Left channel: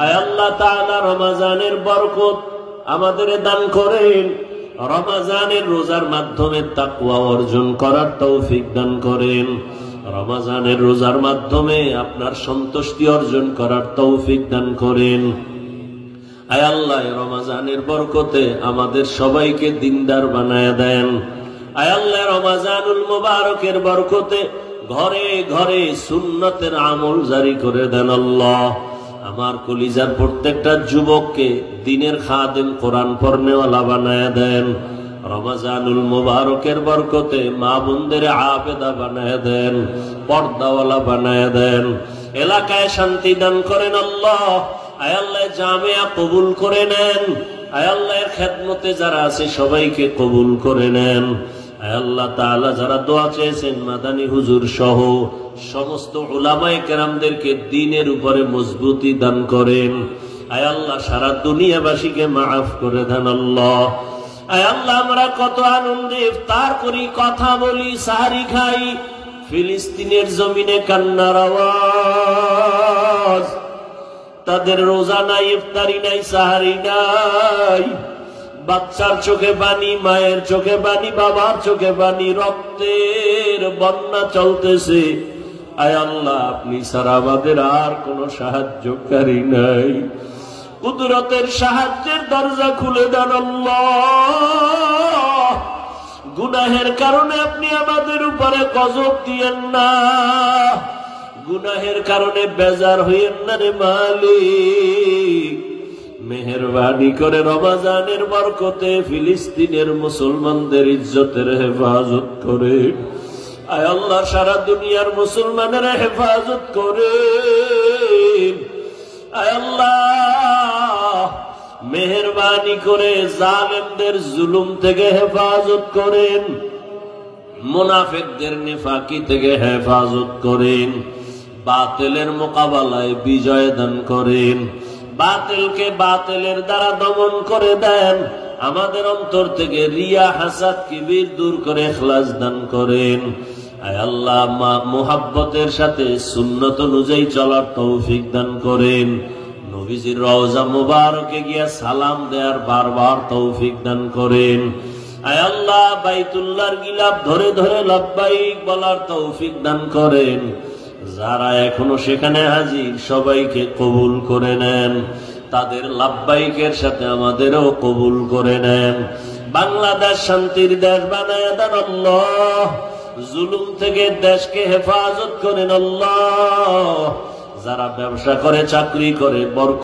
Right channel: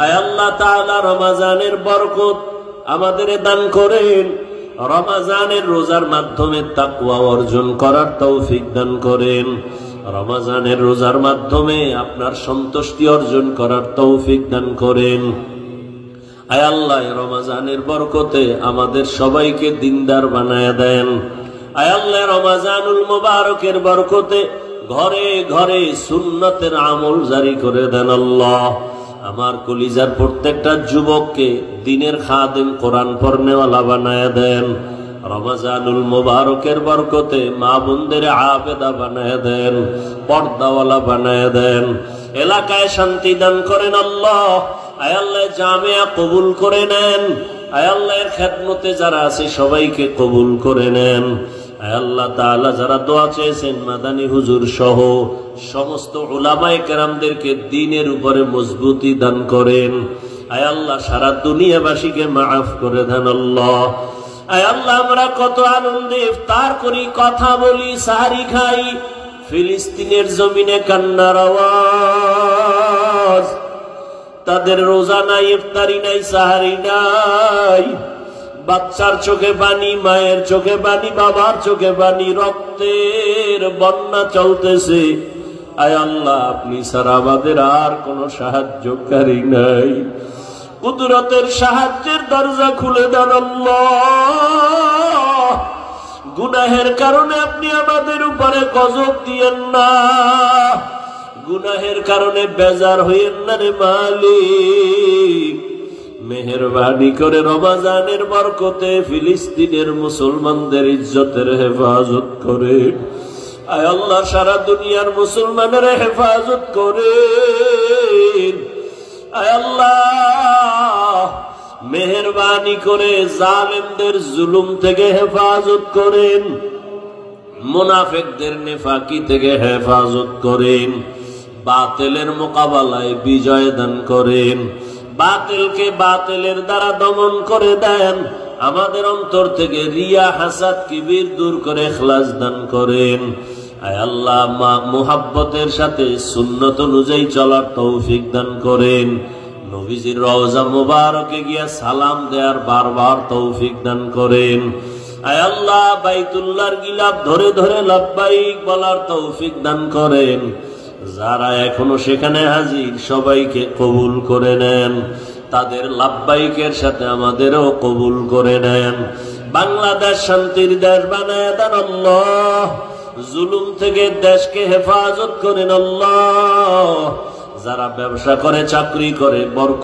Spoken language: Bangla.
আয় আল্লাহ তাআলা রমজানের বরকত আমাদের দান করেন, রমজানের রোজার মাধ্যমে তাকওয়া অর্জন করার তৌফিক দান করেন, রমজানের রোজার মাধ্যমে আপনার সন্তুষ্টি অর্জন করার তৌফিক দান করেন। আয় আল্লাহ রমজানের বরকতে আমাদের সবাইকে দিনদার বানায়া দেন। আয় আল্লাহ রমজানুল মুবারকের বরকতে ঘরে ঘরে সুন্নতের আমল জারি করে দেন। আল্লাহ আমার কলিজার প্রত্যেকটা যুবককে দিনের খাদেম, কোরআন পড়নেওয়ালা বানায়া দেন। রমজানুল মুবারকের বরকতে মা বোনদের আবেদা বানায়া দেন, পর্দাওয়ালা বানায়া দেন। এলাকায় শান্তি দান করেন আল্লাহ। আয় আল্লাহ জামিয়া কবুল করে নেন। আয় আল্লাহর খেদমতে যারা আছে সবাইকে কবুল করে নেন। আয় আল্লাহ তাআলা যারা দোয়া চেয়েছেন মাদানী হুজুর সহ সমস্ত উলামায়ে কেরামদেরকে দ্বীনের উপরে মজবুতি দান করেন। আয় আল্লাহ সারা দুনিয়াবাসীকে মাফ করে দেন আল্লাহ। আয় আল্লাহ আমরা কত আনন্দে ইফতার করি, কথা বলি, সাহারি খাই, ফিলিস্তিনের জমিনে কান্নার আওয়াজ। তাদের রোজা নাই, ইফতারি নাই, সাহারি নাই, বাচ্চার চোখে পানি, মায়ের চোখে পানি, বাবার চোখে পানি, রক্তের বন্যা চলতেছে। আয় আল্লাহ আপনি ছাড়া আমাদের আর কোন সাহায্যকারী নাই। কুদরতের সাহায্যের দরজা খুলে দেন আল্লাহ। গুনাহের কারণে আপনি আমাদের উপরে গজব দিয়েন না, গুনাহের কারণে বেজার হইয়েন না রে মালিক। মেহেরবানি করে রমজানের বরকতে ফিলিস্তিনের মুসলমানদের ইজ্জতের হেফাজত করে। আয় আল্লাহ সারা দুনিয়ার মুসলমানের হেফাজত করে। আয় আল্লাহ মেহেরবানি করে জালেমদের জুলুম থেকে হেফাজত করেন, মুনাফিকদের নেফাকি থেকে হেফাজত করেন, বাতিলের মোকাবেলায় বিজয় দান করেন, বাতিলকে বাতিলের দ্বারা দমন করে দেন। আমাদের অন্তর থেকে রিয়া, হাসাদ, কিবির দূর করে ইখলাস দান করেন। আয় আল্লাহ মুহাব্বতের সাথে সুন্নত অনুযায়ী চলার তৌফিক দান করেন। নবীজির রওজা মুবারকে গিয়া সালাম দেওয়ার বারবার তৌফিক দান করেন। আয় আল্লাহ বাইতুল্লাহর গিলাফ ধরে ধরে লাব্বাইক বলার তৌফিক দান করেন। যারা এখনো সেখানে হাজির সবাইকে কবুল করে নেন, তাদের লাব্বাইকের সাথে আমাদেরও কবুল করে নেন। বাংলাদেশ শান্তির দেশ বানায় দেন আল্লাহ। জুলুম থেকে দেশকে হেফাজত করেন আল্লাহ। যারা ব্যবসা করে, চাকরি করে,